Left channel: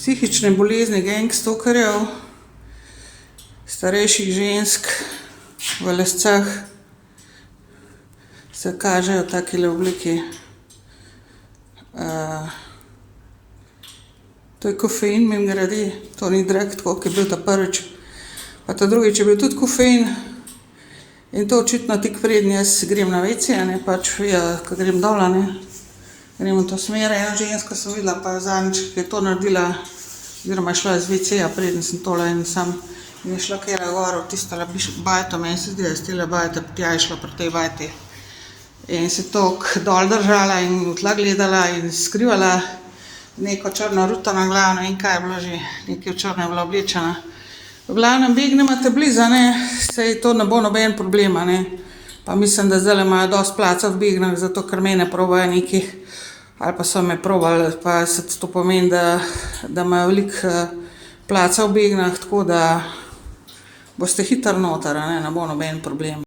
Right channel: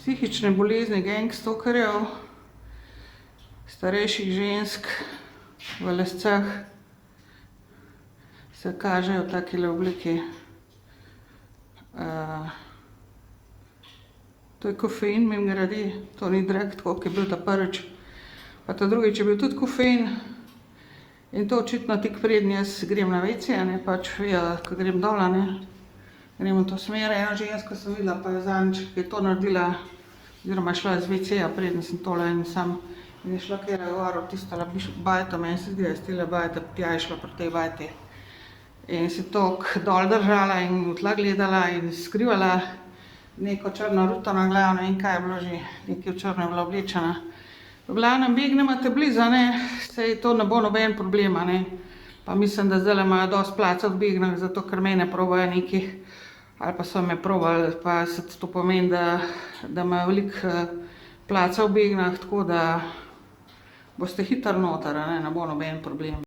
psihične bolezni gangstokerjev, starejših žensk v lascah se kažejo v takile obliki. To je kofein, mimogrede, to ni drag, tako kot je bil ta prvič. Pa ta drugič je bil tudi kofein. In to očitno tik preden jaz grem na WC, pač ko grem dol, grem v to smer. Eno žensko sem videla, pa je zadnjič, ki je to naredila, oziroma je šla iz WC-ja, preden sem tole in je šla kjera gor v tistole bajto, meni se zdi, da je s tele bajte, tja je šla pri tej bajti. In se toliko dol držala in v tla gledala in skrivala neko črno ruto na glavo, ne vem kaj je bilo že, nekaj v črno je bila oblečena. V glavnem begnemo te blizu, saj to ne bo noben problem, pa mislim, da zdajle imajo dosti placa v Begnah, zato ker mene probajo neki, ali pa so me probali, pa se to pomeni, da imajo veliko placa v Begnah, tako da boste hitro noter, ne bo noben problem.